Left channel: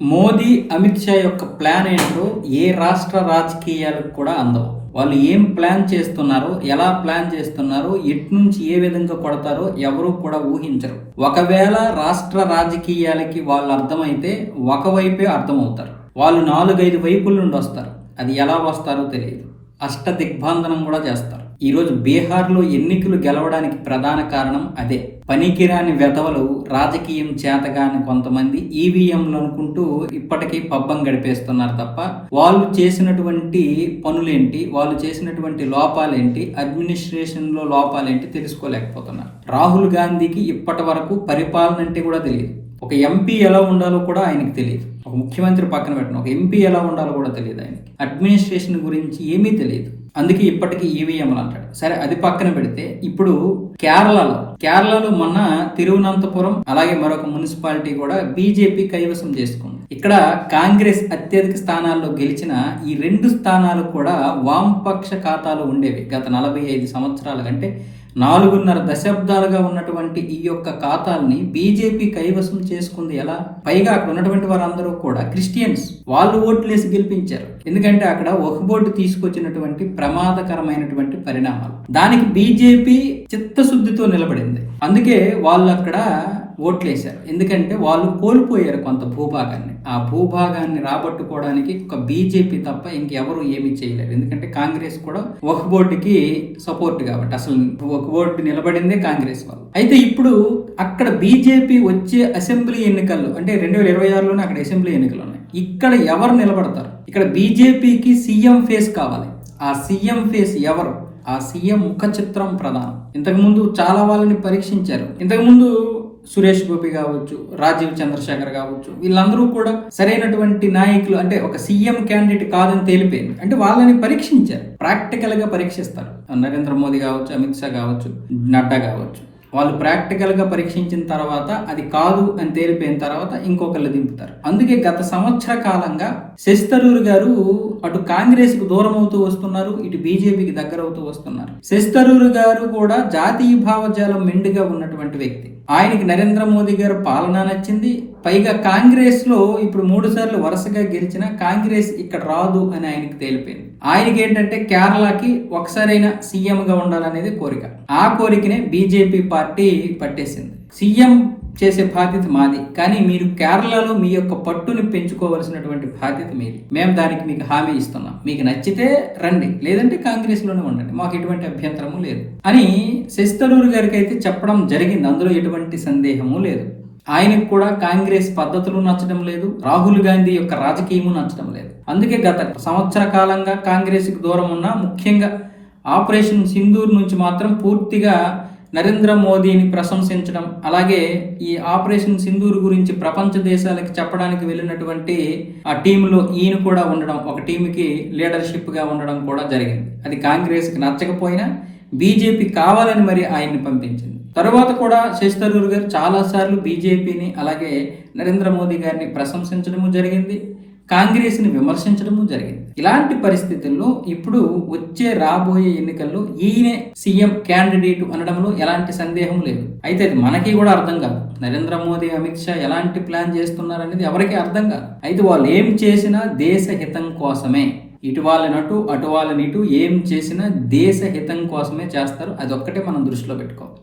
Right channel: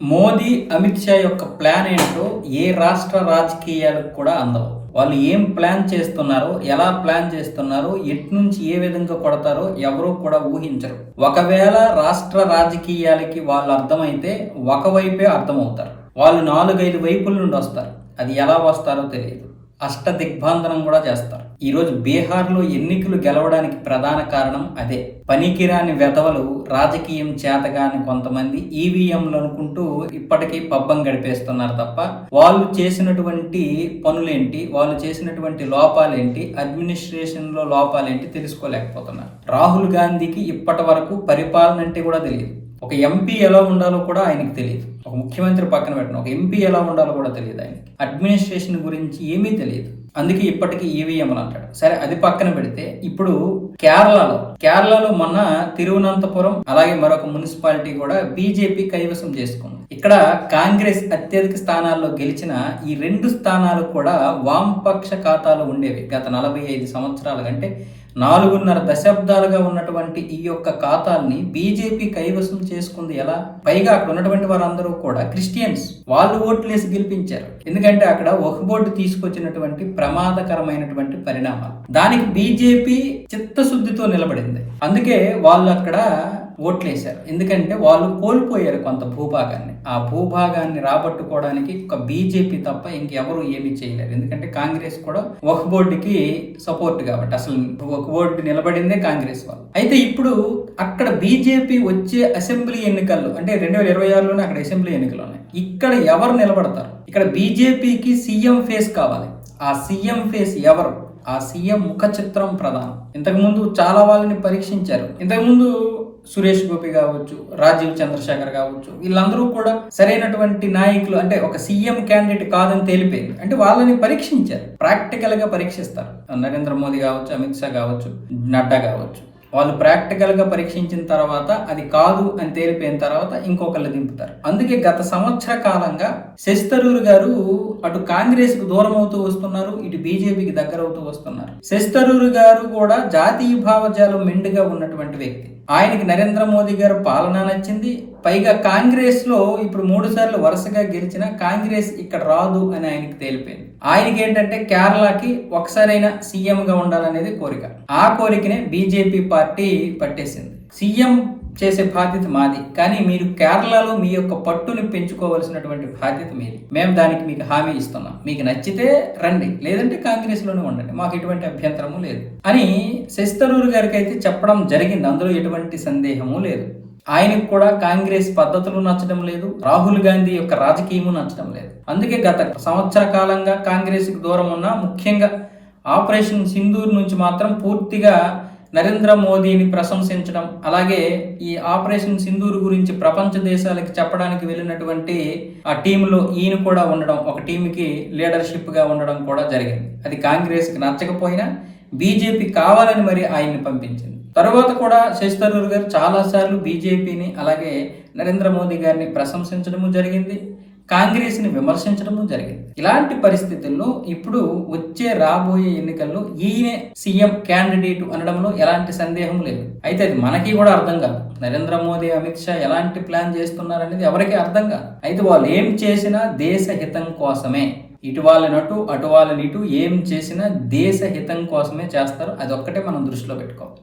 మోదీ, అమిత్ షా యొక్క ప్లాన్ ఏంటో ఏ రాష్ట్ర రాజకీయాలకు కూడా అందవు. వాళ్ళు ఏం ప్లాన్ చేస్తున్నారో, ఎలా ప్లాన్ చేస్తున్నారో, ఎట్నుంచి ఏ విధంగా కొడతారో ఎవరూ కూడా ఊహించరు. ఒకవేళ రాష్ట్ర రాజకీయాలకి వాళ్ళు అర్థమైతే ఒకవైపే అర్థమవుతారు. వాళ్ళు 4-5 వైపుల నుండి వస్తారు. అది ఎలా వస్తారో తెలియదు. అష్ట దిగ్బంధనం కూడా చేస్తారు. ఈరోజు బీహార్లో ఎన్నికలు గెలవడానికి ప్రధాన కారణం అదే. పనికిరాని వెధవలు, రాజకీయం చేతగాని కొంతమంది ఈవీఎంలు అనుకుంటూ ఇప్పటికీ పబ్బం గడిపేస్తున్నారు తప్ప వాళ్ళు చేసినటువంటి పనులేంటి, వాళ్ళు చేసినటువంటి లోపాలేంటి, అడ్మినిస్ట్రేషన్లో లోపాలేంటి తెలుసుకోలేకపోతున్నారు. రాహుల్ గాంధీకి ఇప్పటి వరకు పరిపాలన అంటే కూడా తెలియదు. ఒక ఎంపీ ఎలా ఉండాలో కూడా ఆయనకు తెలియదు. ఒక ముఖ్యమంత్రి పక్కన పెట్టిన ఒక ఎంపీ ఎలా ఉండాలో కూడా తెలియదు ఆయనకి. అడ్మినిస్ట్రేషన్ గురించి ఏమీ తెలియదు. అందుకే ఇప్పటికీ ఈవీఎంలు అంటాడు. సరే, అది పక్కన పెడితే ఇప్పుడు కేరళలో మొన్న తిరువనంతపురం అలాగే మరొక మున్సిపాలిటీ కూడా బీజేపీ కైవసం చేసుకుంది. ఇక్కడ కాంగ్రెస్ అత్యధిక స్థానాల్లో గెలిచిన ఈ 2 స్థానాలు కూడా వామపక్ష ఖాతాలో ఉండేవి. గత 45 సంవత్సరాల కంటే 4.5 దశాబ్దాలుగా ఉన్నటువంటి ఈ యొక్క ఖాతాల్ని బీజేపీ కైవసం చేసుకుంది ఎలా? పైగా అక్కడ ఉన్నటువంటి వారందరూ కూడా క్రిస్టియన్స్. వాళ్ళు ఓట్లేసి గెలిపించారు. ఎందుకంటే అక్కడ వక్ఫ్ బోర్డు తీసుకొచ్చినటువంటి ప్రమాదకరమైనటువంటి పరిణామాలు. దానికి బీజేపీ చిత్తశుద్ధితో నిలబడింది. అందుకే వాళ్ళు అక్కడ ఓట్లేశారు. ఎందుకంటే వాళ్ళు కోల్పోయారు కొంత భూభాగాన్ని. ఆ భూభాగాన్ని రాబట్టుకోవడానికి ఒక బీజేపీ తప్ప ఇంకెవరు ఏమీ చేయలేరు. ఎందుకంటే కాంగ్రెస్ కూడా వక్ఫ్ బోర్డుకి సపోర్ట్ కాబట్టి అసలు వక్ఫ్ బోర్డు నిలబడిందే కాంగ్రెస్ వాళ్ళు. అయితే ఇప్పుడు అక్కడ బీజేపీ వచ్చే అసెంబ్లీ ఎన్నికల్లో అంటే 2026లోనే అక్కడ అసెంబ్లీ ఎన్నికలు ఉన్నాయి. ఇక్కడ ఎవరు నిలబడతారు? ఇక్కడ బీజేపీకి సీఎం ఫేస్ కావాలి. ఆ సీఎం ఫేస్ ఎవరు? ఆ సీఎం ముఖ చిత్రం ప్రధానం. ఇంతకుముందు చాలా వాళ్ళని పరీక్షించారు. ఇంతకుముందు సురేష్ గోపి కావచ్చు, రాజీవ్ చంద్రశేఖర్ కావచ్చు, వీళ్ళందరూ కూడా సరైనటువంటి నాయకులు అంటే ఒక సీఎం క్యాండిడేట్ కాదని తేలిపోయింది. అంటే వాళ్ళని పరీక్షించారు, ప్రాక్టికల్ గా పరీక్షిస్తారు. నరేంద్ర మోదీ కావచ్చు, అమిత్ షా కావచ్చు, నడ్డా కావచ్చు. వాళ్ళు ప్రాక్టికల్ గా పరీక్షించిన తర్వాత అది కాదు అని తేలిపోయిన తర్వాత ఇంకొకళ్ళు దింపుతారు. అందుకే గత సంవత్సర కాలంగా శశి థరూర్ గారు అటు కాంగ్రెస్ కు దూరం అవుతూ వస్తున్నారు, ఇటు బీజేపీకి దగ్గర అవుతూ వస్తున్నారు. శశి థరూర్ గారు కూడా జాతీయ భావజాలం మెండుగా ఉన్నటువంటి వ్యక్తి. ఆయనకి నరేంద్ర మోదీ గారు పాలన నచ్చింది. పైగా కాంగ్రెస్ లో ఇప్పుడు 3 సార్లు వరుసగా గెలిచిన కాంగ్రెస్ ఇక్కడ రాదు అని ఆయనకి తేలిపోయింది. ఆయనకి ఏంటంటే కేరళకి ఒకసారైనా సీఎం గా ఉండాలనేది కోరిక. ఆ కోరికనే బీజేపీ పార్టీ పట్టేసింది. సీఎం చేసే బాధ్యత మాది, కానీ మీరు కేరళలో మీ యొక్క పట్టుని పెంచుకోవాల్సినటువంటి బాధ్యత మీది. మేము దానికి మీకు హామీ ఇస్తున్నాం. మీకు నచ్చితే రండి, లేదంటే కాంగ్రెస్ లోనే ఉండండి, మాకు ఎటువంటి అభ్యంతరము లేదు అని శశి థరూర్ గారికి అయితే చెప్పడం జరిగింది. అందులో ఎటువంటి సందేహము లేదు. ఆయనకు కూడా కాంగ్రెస్ పద్ధతులు నచ్చడం లేదు, రాహుల్ గాంధీ యొక్క రాజకీయము నచ్చడం లేదు. అందుకే గత సంవత్సర కాలంగా కాంగ్రెస్ కు దూరం ఉన్న, ముఖ్యంగా ఆపరేషన్ సింధూర్ నుంచి మాత్రం పూర్తిగా నరేంద్ర మోదీని ప్రశంసించడం, అలాగే ఈ ఆపరేషన్ సింధూర్ గురించి ప్రపంచ దేశాలకి చెప్పడానికి వెళ్ళినటువంటి ఆ టీంలో ఈయన కూడా ఉండడం, ఒక టీంకి లీడర్షిప్ గా ఉండడం కూడా జరిగింది. అది కాంగ్రెస్ కి నచ్చకపోయినా బీజేపీ కావాలని మరి ఆయన్ని పంపించింది. తర్వాత కూడా శశి థరూర్ గారు చాలా సార్లు బీజేపీని అలాగే నరేంద్ర మోదీ గారిని ప్రశంసించడము జరిగింది, కాంగ్రెస్ ని విమర్శించడము జరిగింది. ఇలాంటి పరిస్థితుల్లో ఇప్పుడు రాబోయే ఎన్నికల్లో ఈయనే సీఎం క్యాండిడేట్ అనడంలో ఎలాంటి సందేహం లేదు. అయితే అది మనకి కూడా అర్థం కాదు. నరేంద్ర మోదీ, అమిత్ షా ఎలాంటి ప్లాన్ చేస్తున్నారనేది ఎవరికి అర్థం కాదు. అయితే వాళ్ళు ఏం చేసినా దేశ హితం కోసమే. ఇటు వాళ్ళనటు అటు వాళ్ళనిటు ఏం చేసినా దేశ హితం కోసమే చేస్తారు. అదొక్కటే మనం దృష్టిలో పెట్టుకోవాలి.